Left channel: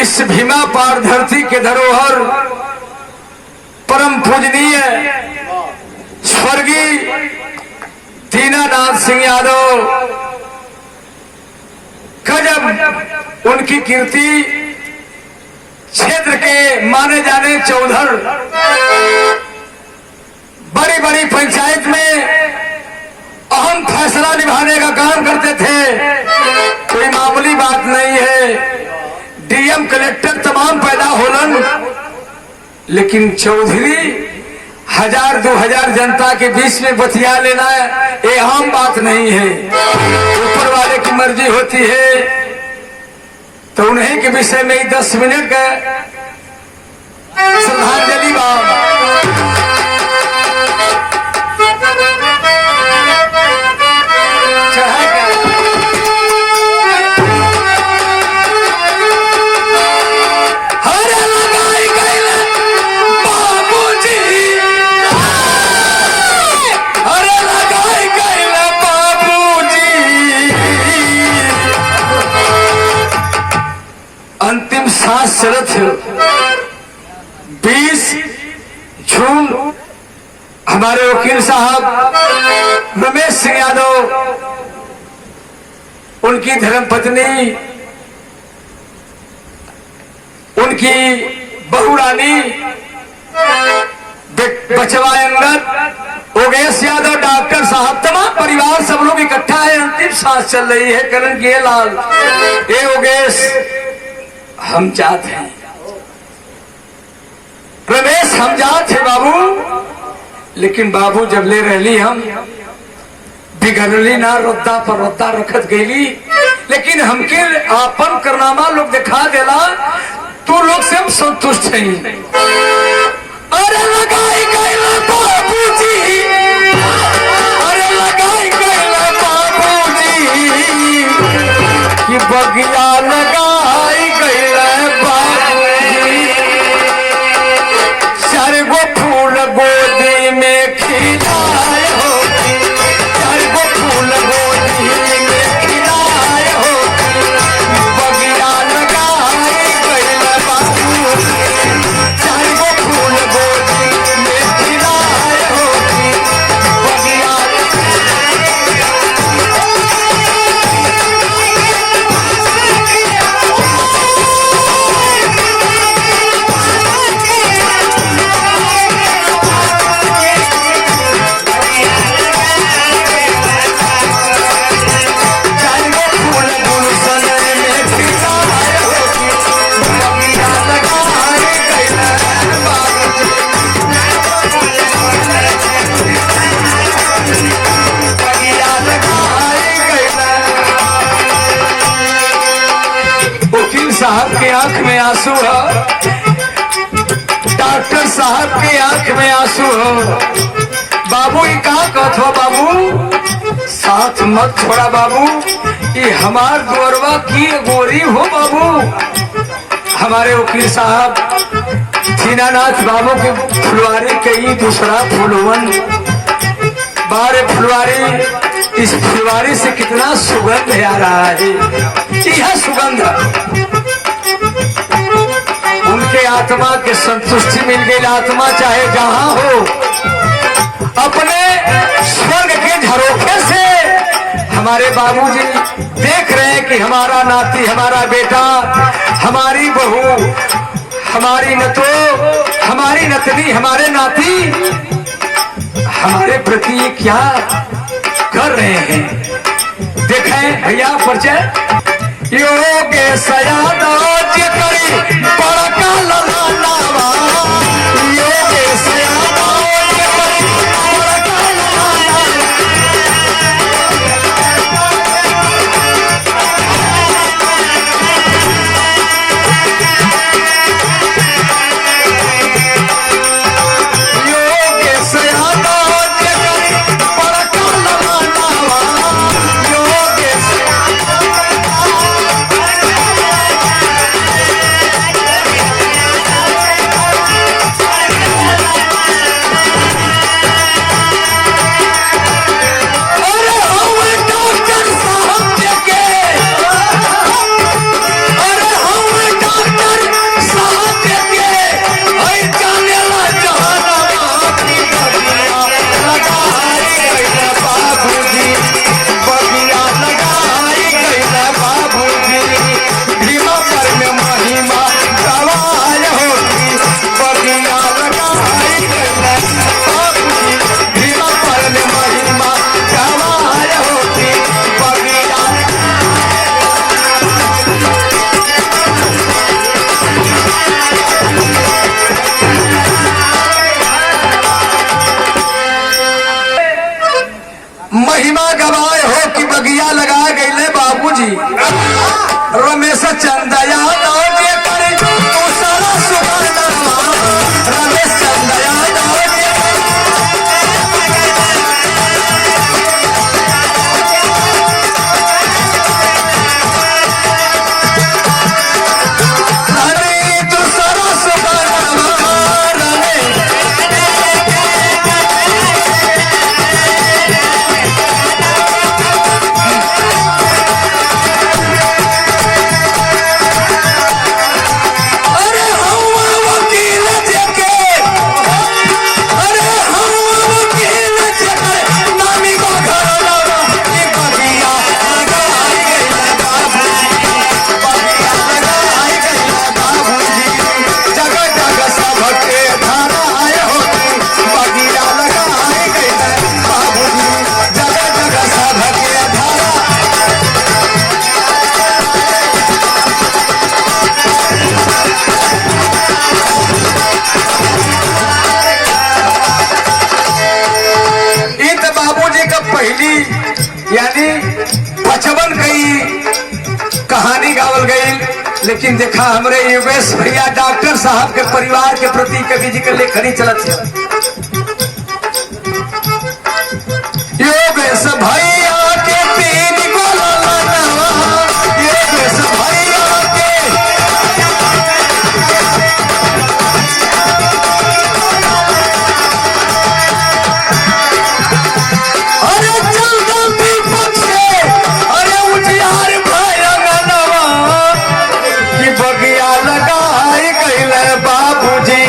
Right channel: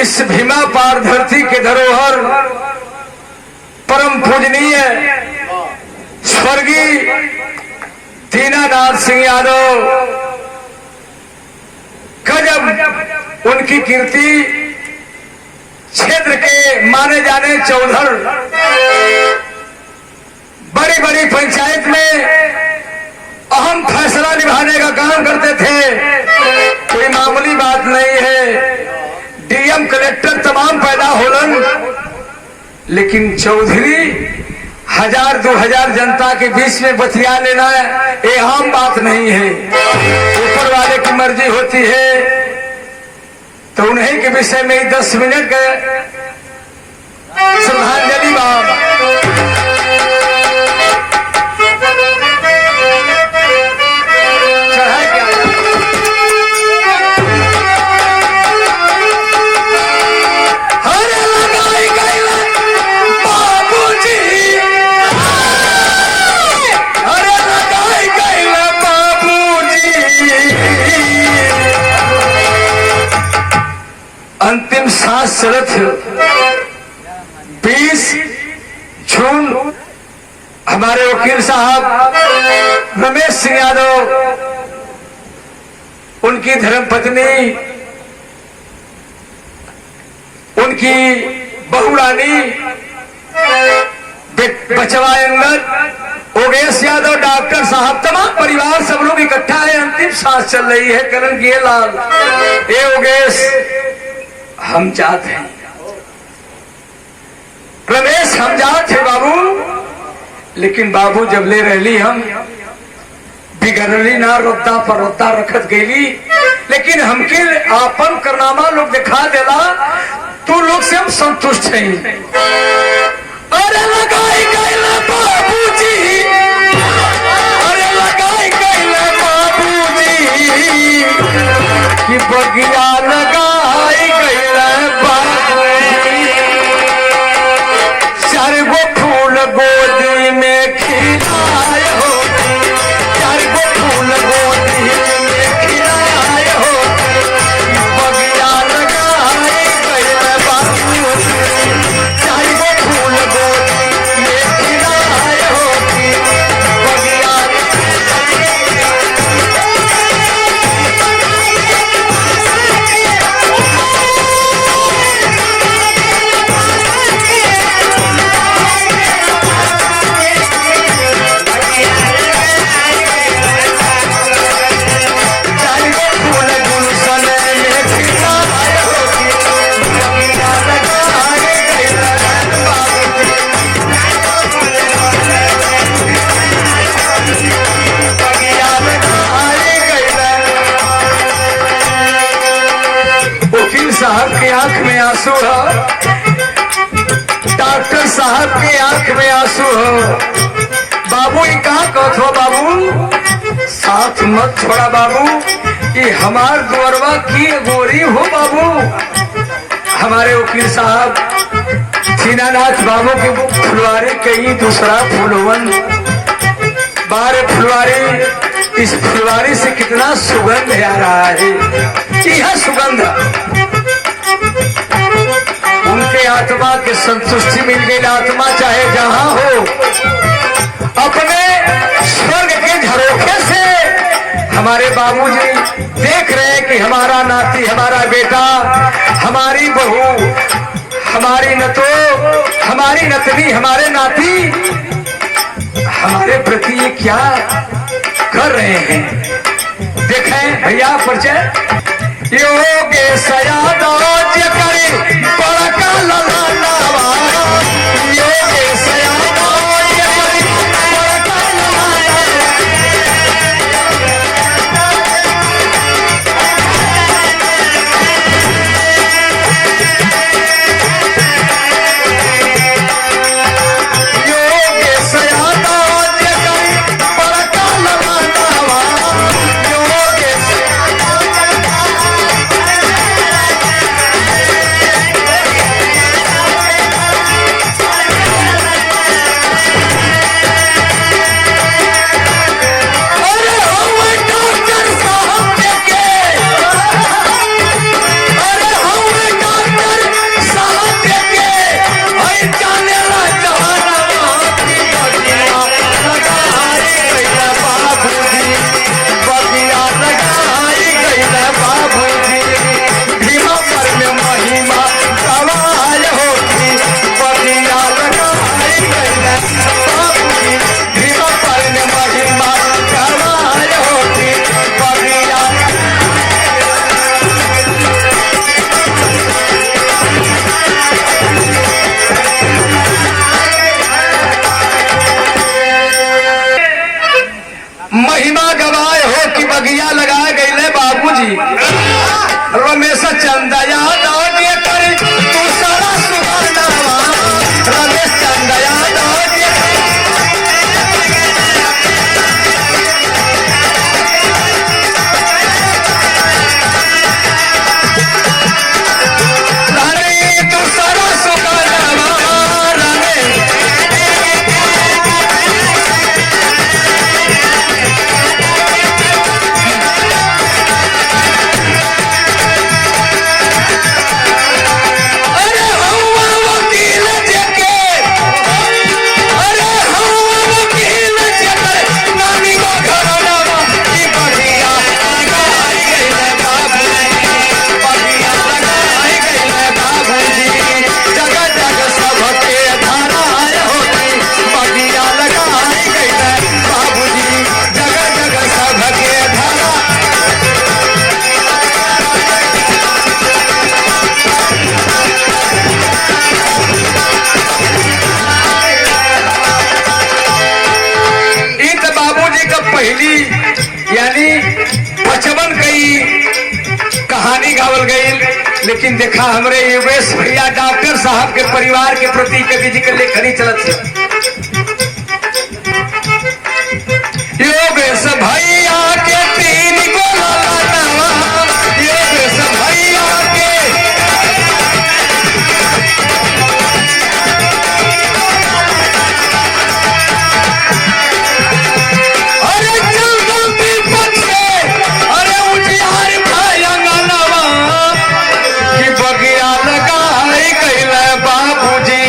इस भीमा पार धरती के धरोहर परम पूजनीय स्वर्गीय दीनानाथ सिंह यादव, गजब उनकी कीर्ति, क्षेत्र के माने जाने चौधर, बड़ी बड़ी पंचायत में अहम फैसला निभाने का काम करते थे। कोई मामूली बात नहीं है, डीएम कलेक्टर तमाम पैदा होलन, लेकिन चौधरी 1000-2000 जनता के बीच में बतिया लेना ये आम बात नहीं है। ऊपर वाले की मर्जी होती है, तो उन्हीं के विषय में 10 मिनट का श्रद्धांजलि अंतिम सांस चलत 20 जून हमारे वकील साहब रमेश सिंह यादव, उनकी धर्मपत्नी, उनकी बहू रानी, बचवा अंगद, ओगेश यादव, डॉक्टर साहब, तमाम परिवार सब लोग इकट्ठा है। अंतिम सांस चल रही है। करण किए लाल, ए ओगेश, हम जात हैं, रमेश हम जात है बाबू, लेकिन बाबू जब ले रहली हम बिगड़ली ना, रद्दा पर रद्दा रखत गईली, लेकिन हमके आपन करनामा लोग दिखा देला, तू लोग से हम संतुष्ट हैं। अरे लगाई गईला बाबूजी, अरे लगाई गईला बाबूजी, कि बगिया लगाई गईला बाबूजी, सर्व फूल गोदी में खिलाए हो, सर्व फूल गोदी में खिलाए हो, बगिया लगाई गईला बाबूजी, सर्व फूल गोदी में खिलाए हो, बगिया साहब के आंख में आंसू हो, डॉक्टर साहब के आंख में आंसू हो। बाबू ये कहा कहत हो बाबू, साथ मत छोड़ा बाबू, ये हमार गौरवा की गोरी हो बाबू। हमारे वकील साहब दीनानाथ बाबू के फुलवारी कई दूसरा फूलवन, बारे फुलवारी, इस फुलवारी से कितना सुगंध आ रहा है, यह सुगंध उनके आत्मा के संतुष्टि मिल गई। आत्मा चाहे जहां हो, अपने स्वर्ग के झरोखे से हमारे बाबूजी देख रहे हैं कि हमारा नाती, हमारा बेटा, हमारी बहू, हमारी नतो, हमारी नतनी, हमारे नाती हमारे प्रति क्या कर रहे हैं। देखें भैया परिचय, योगेश यादव जी करे लेकिन देखा हमरे योगेश भैया डॉक्टर साहब के परिवार के प्रति कभी जी के लेखनी चलत है। योगेश भैया के तीन गो लाडवा, योगेश भैया के अरे चल गलती पछे अरे उजियार भयंगनवा कि बगिया लगाई गईले बाबूजी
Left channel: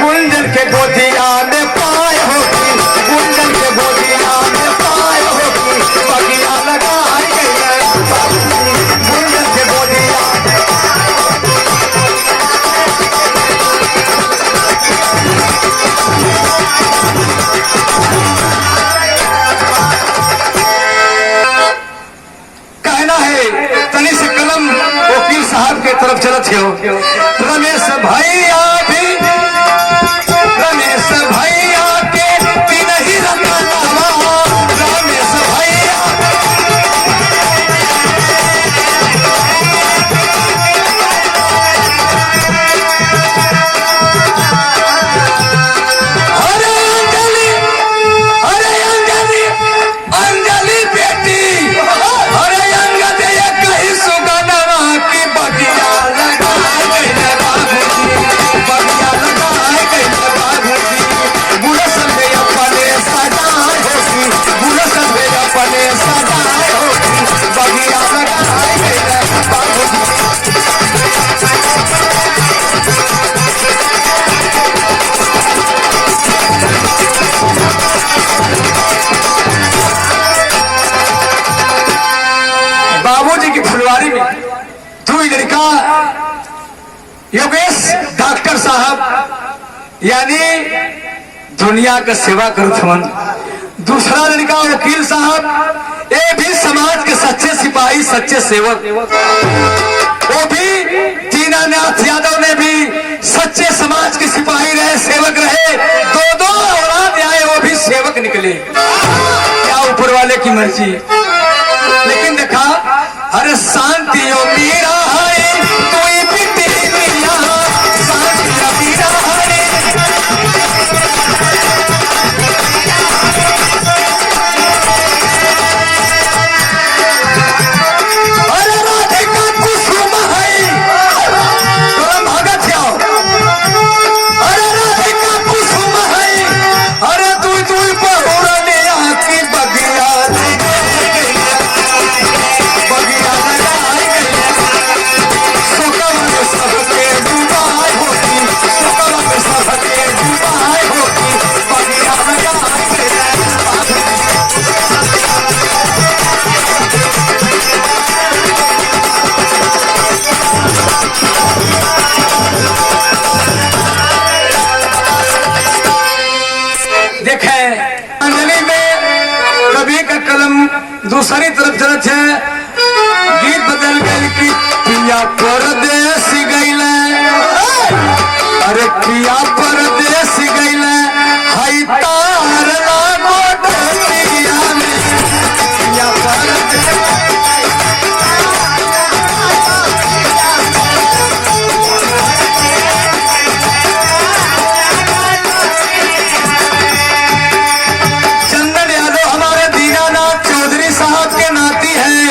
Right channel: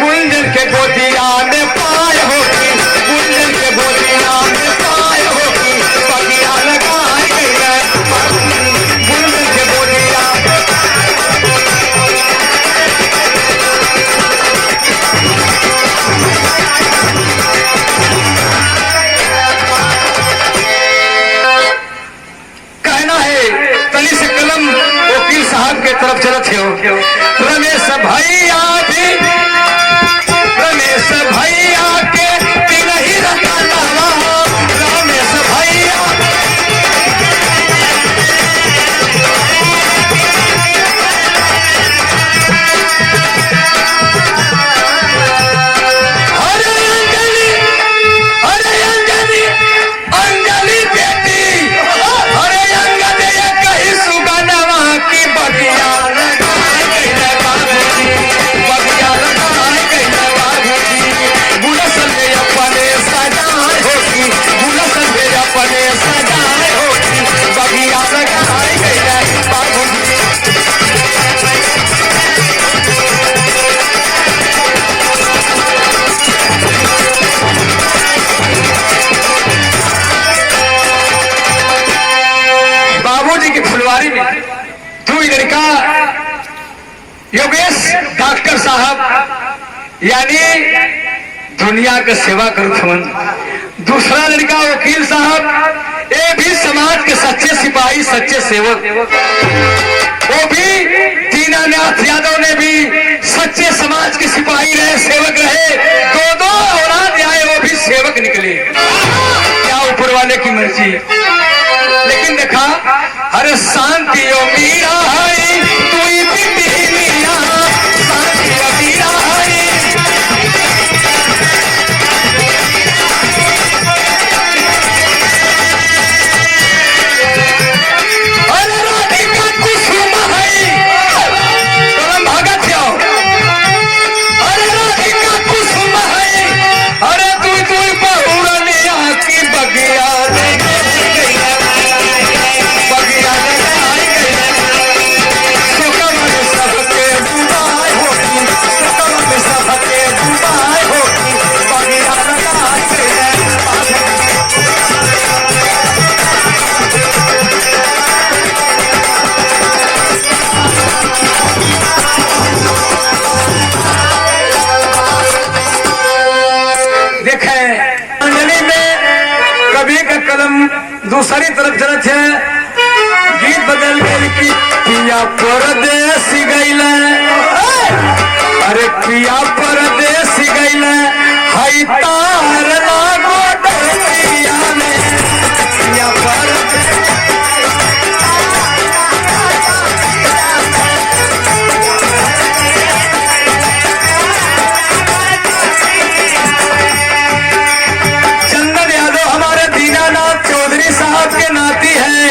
गुंजन के गोदिया में पाए हो कि गुंजन के गोदिया में पाए हो कि बगिया लगाई गईले गुंजन के गोदिया। कहना है तनी से कलम वकील साहब के तरफ चलत हो। रमेश भैया भी रमेश भैया के तीन ही रंगावा रमेश भैया अरे अंजलि अंजलि बेटी अरे अंजलि कहीं सुगनवा की बगिया लगाए गईले बाबूजी बगिया लगाए गईले बाबूजी गुलशन में अपने सजाए होगी गुलशन में अपने सजाए होगी बगिया लगाए गईले बाबूजी। बाबूजी की फुलवारी में दो लड़का योगेश डॉक्टर साहब यानी दुनिया का सेवा करत हवन, दूसरा लड़का वकील साहब ये भी समाज के सच्चे सिपाही सच्चे सेवक, वो भी दीनानाथ यादव ने भी सच्चे समाज के सिपाही रहे सेवक रहे, दो औलाद आए वो भी सेवक निकले। क्या ऊपर वाले की मर्जी। लेकिन देखा अरे शांति ओ मीरा है कोई बेटी मीरा शांति ओ मीरा है अरे राधिका कुसुम है तुम भागत जाओ अरे राधिका कुसुम है अरे तू बहुरानी आकी बगिया रे बगिया लगाई गईले सुकम में सबके जुदाई होती सुकम में सबके जुदाई होती बगिया लगाई गईले। देखे अंजलि में कवि का कलम दूसरी तरफ चलत है, गीत बदल गई कि पिया परदेस गईले अरे पिया परदेस गईले हाई तार लागो डोरिया में पिया परदेस चंदन यादव हमारे दीनानाथ चौधरी साहब के नाती हैं,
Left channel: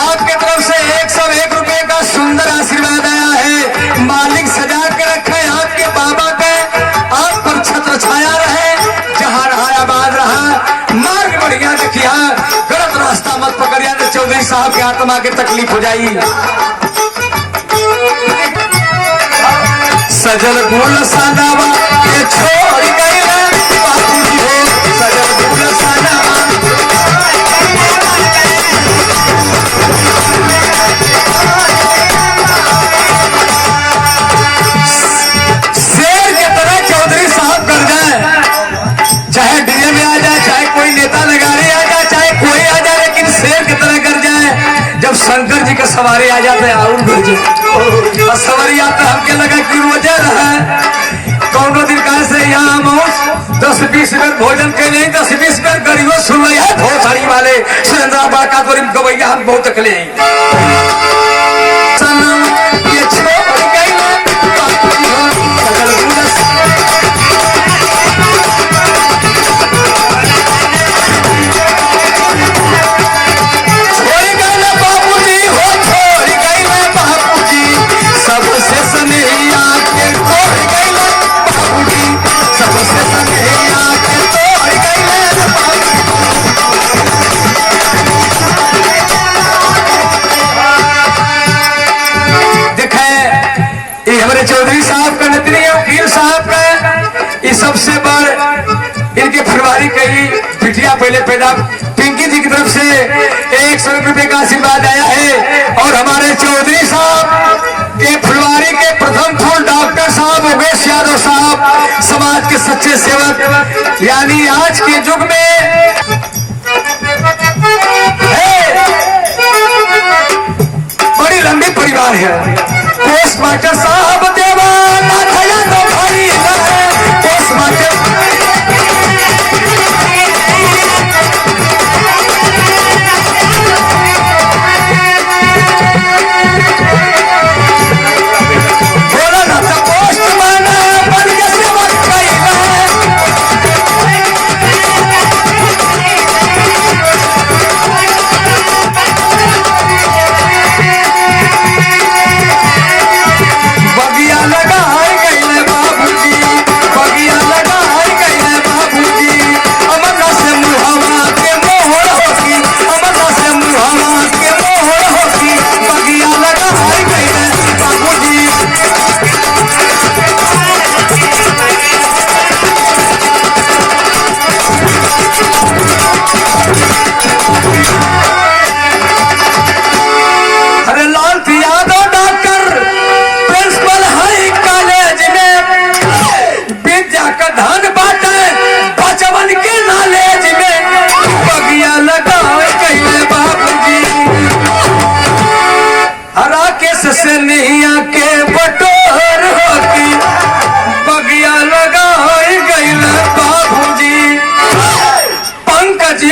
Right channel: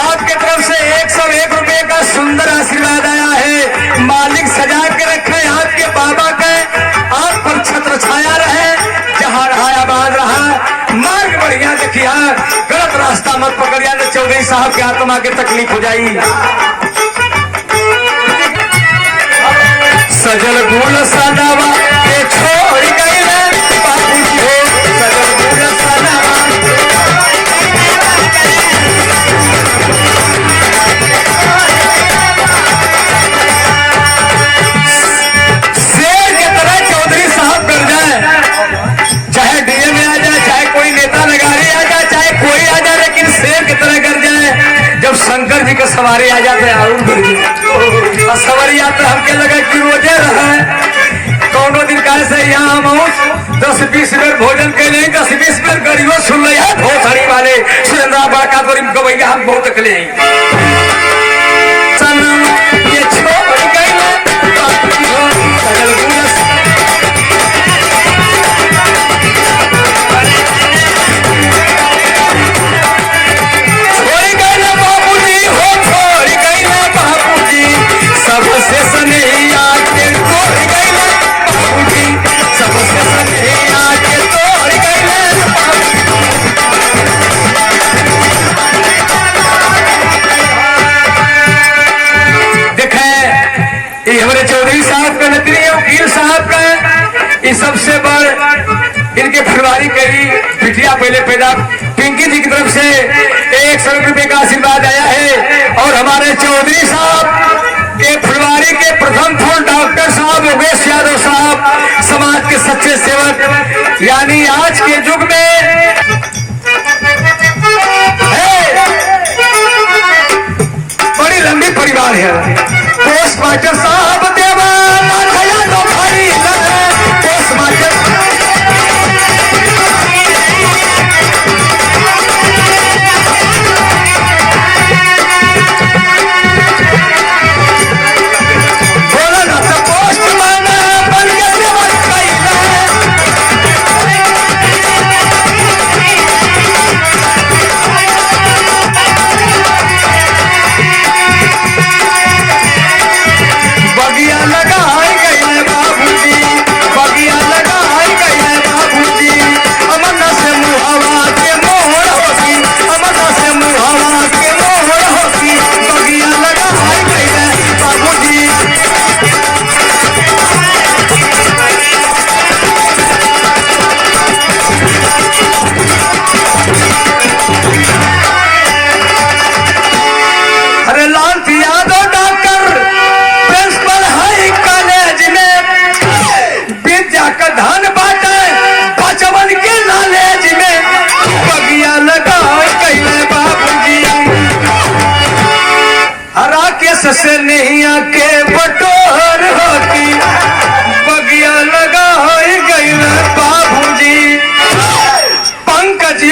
आपके तरफ से 101 रुपए का सुंदर आशीर्वाद आया है। मालिक सजा के रखे आपके बाबा के, आप पर छत्र छाया रहे, जहाँ रहा आबाद रहा, मार्ग बढ़िया देखिया, गलत रास्ता मत पकड़िया तो चौधरी साहब के आत्मा के तकलीफ हो जाई। सजल गुल सादावा के छोड़ गए बाबूजी हो सजल गुल सादावा शेर के तरह चौधरी साहब कर जाए, चाहे डीएम में आ जाए, चाहे कोई नेता नगारी आ जाए, चाहे कोई आ जाए, लेकिन शेर की तरह कर जाए। जब शंकर जी के सवारी आ जाते हैं और बढ़ जाए सवारी आता हमके लगा कि रोजे रहे कौनो दिन कहा से यहाँ मौज 10-20 बेर भोजन के लिए 10-20 बेर गरीबों सुन रही है भोसड़ी वाले सुरेंद्र बाका तो गवैया हम बहुत अकले हैं। पहले पैदा पिंकी जी की तरफ से 100 रुपए का आशीर्वाद आया है। और हमारे चौधरी साहब के फुलवारी के प्रथम फूल डॉक्टर साहब योगेश यादव साहब, समाज के सच्चे सेवक, यानी आज के युग में बड़ी लंबी परिवार है। पोस्ट मास्टर साहब से नहीं आके बटोर होती बगिया लगा गई बाबूजी। पंकज